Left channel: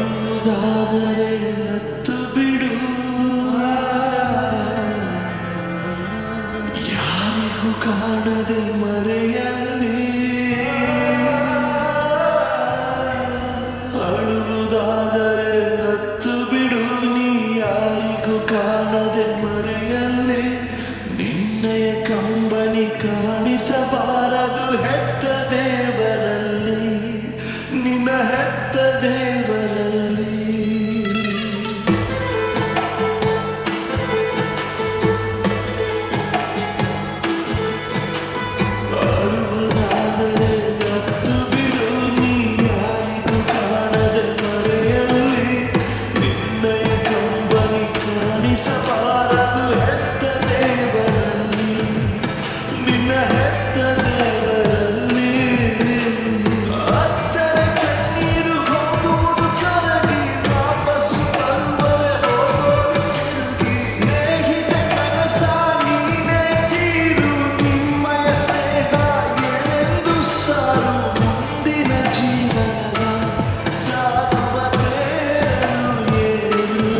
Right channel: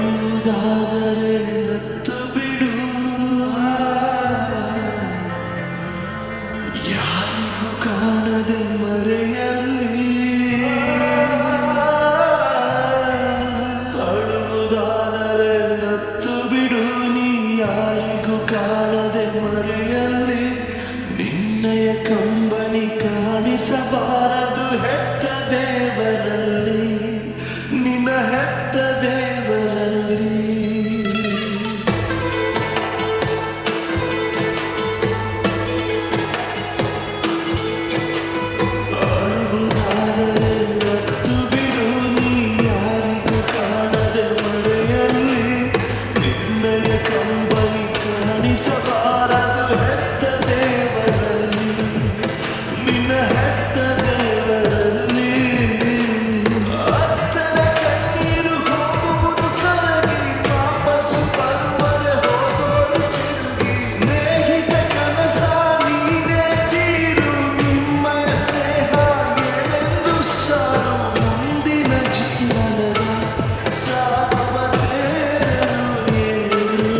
ಅಳುವುದಾದರೆ ನತ್ತು ಬಿಡು, ಯಾರಿಗೂ ಕಾಣದೆ ಮರೆಯಲ್ಲಿ. ಅಳುವುದಾದರೆ ನತ್ತು ಬಿಡು, ನೀ ಯಾರಿಗೂ ಕಾಣದೆ ಮರೆಯಲ್ಲಿ. ನಿನ್ನಯ ಕಂಬನಿ ಕಾಣಿಸಬಾರದು ಹೆತ್ತ ದೇವರಲ್ಲಿ, ನಿನ್ನ ಹೆತ್ತ ದೇವರಲ್ಲಿ. ಅಳುವುದಾದರೆ ನತ್ತು ಬಿಡು, ನೀ ಯಾರಿಗೂ ಕಾಣದೆ ಮರೆಯಲ್ಲಿ. ನಿನ್ನಯ ಕಂಬನಿ ಕಾಣಿಸಬಾರದು ಹೆತ್ತ ದೇವರಲ್ಲಿ, ನಿನ್ನ ಹೆತ್ತ ದೇವರಲ್ಲಿ. ಅತ್ತರ ಕಣ್ಣೀರು ಹೋಗುವುದು ಕರಗಿ, ವಾಪಸ್ಸು ಬರುವರೆ ಹೋಗೋರು ತಿರುಗಿ. ಸ್ನೇಹಿತ ಕನಸ ನೀನೇ ತೀರು, ನಿಮ್ಮಯ ಸ್ನೇಹ ಏನೆಂದು ಸಾರು. ಮುಂದಿನ ಜೀವನದ ಸಾಗುವ ತೇರಲು ಏರು,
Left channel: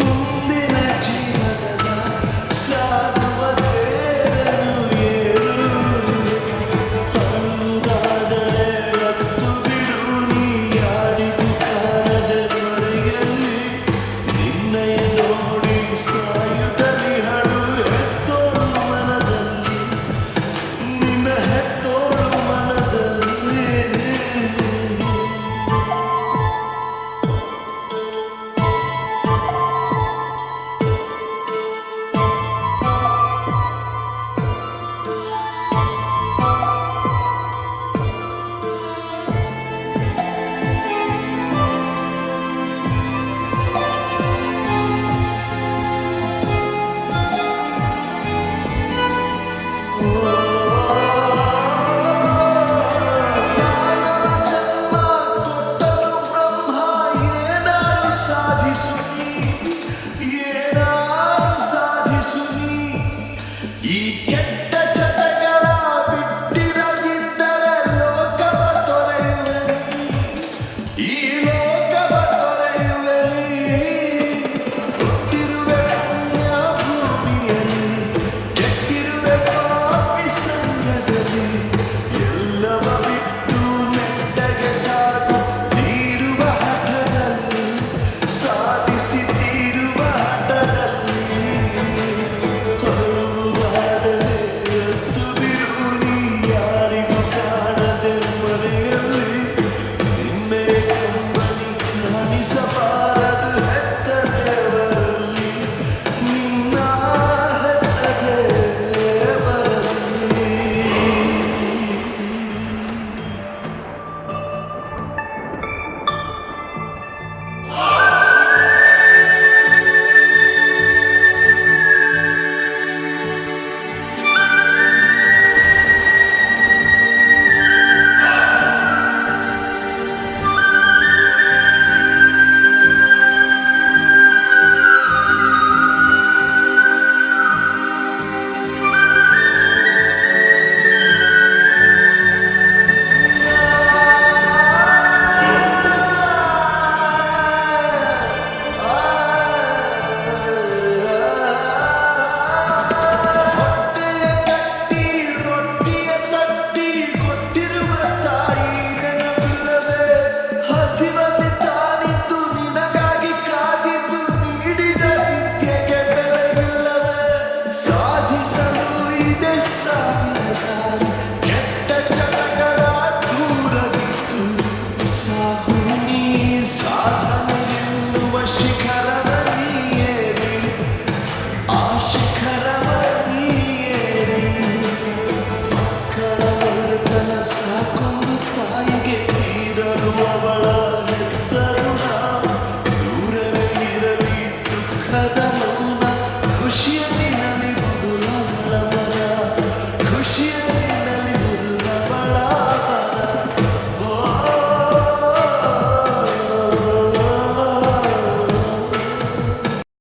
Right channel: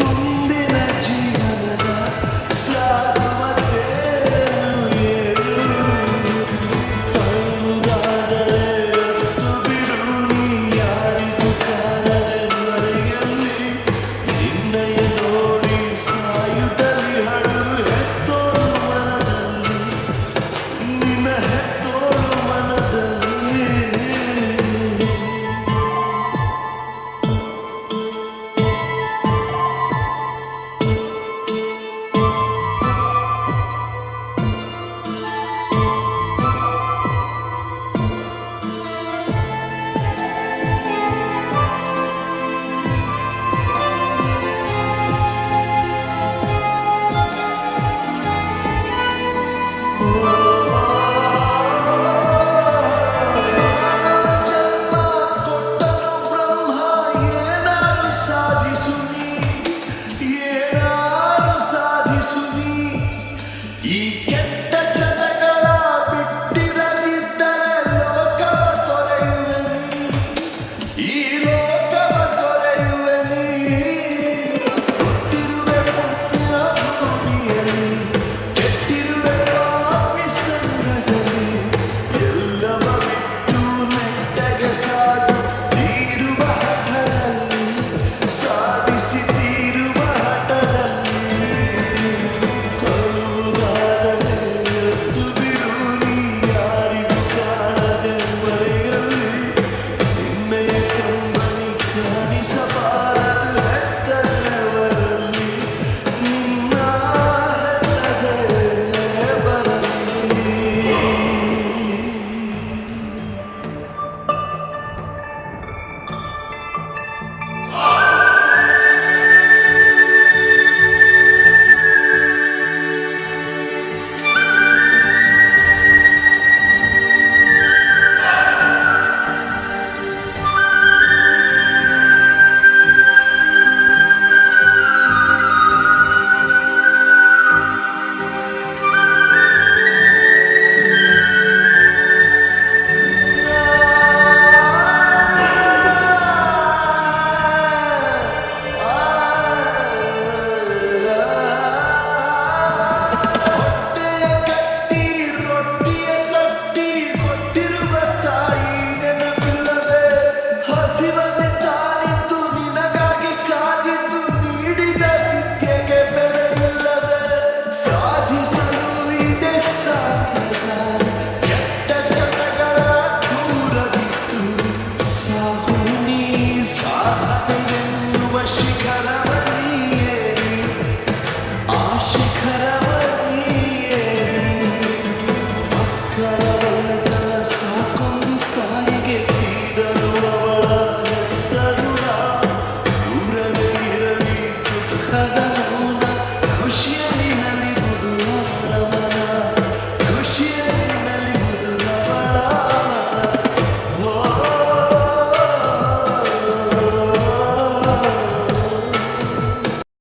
ಮುಂದಿನ ಜೀವನದ ಸಾಗುವ ತೇರಲು ಏರು. ಅಳುವುದಾದರೆ ಅತ್ತು ಬಿಡು, ನೀ ಯಾರಿಗೂ ಕಾಣದೆ ಮರೆಯಲ್ಲಿ. ನಿನ್ನಯ ನೋಡಿ ಸಾಯುತ್ತಲಿ ಹಳು ಹೆತ್ತೋಳು ಮನದಲ್ಲಿ, ನಿನ್ನ ಹೆತ್ತೋಳು ಮನದಲ್ಲಿ. ಮಾನವ ಜನ್ಮ ಕೊಟ್ಟನು ಬ್ರಹ್ಮ, ಏನಾರು ಸಾಧಿಸು ನೀ, ಏನಾರು ಸಾಧಿಸು ನೀ. ಈ ಕೆಟ್ಟ ಚಟಗಳ ಬಿಟ್ಟಿರದಿದ್ದರೆ ಲೋಕವ ತೊರೆಯುವೆ ನೀ, ಈ ಲೋಕವ ತೊರೆಯುವೆ ನೀ. ಹುಟ್ಟಿರುವೆ ಪುಣ್ಯ ಭೂಮಿಯಲ್ಲಿ,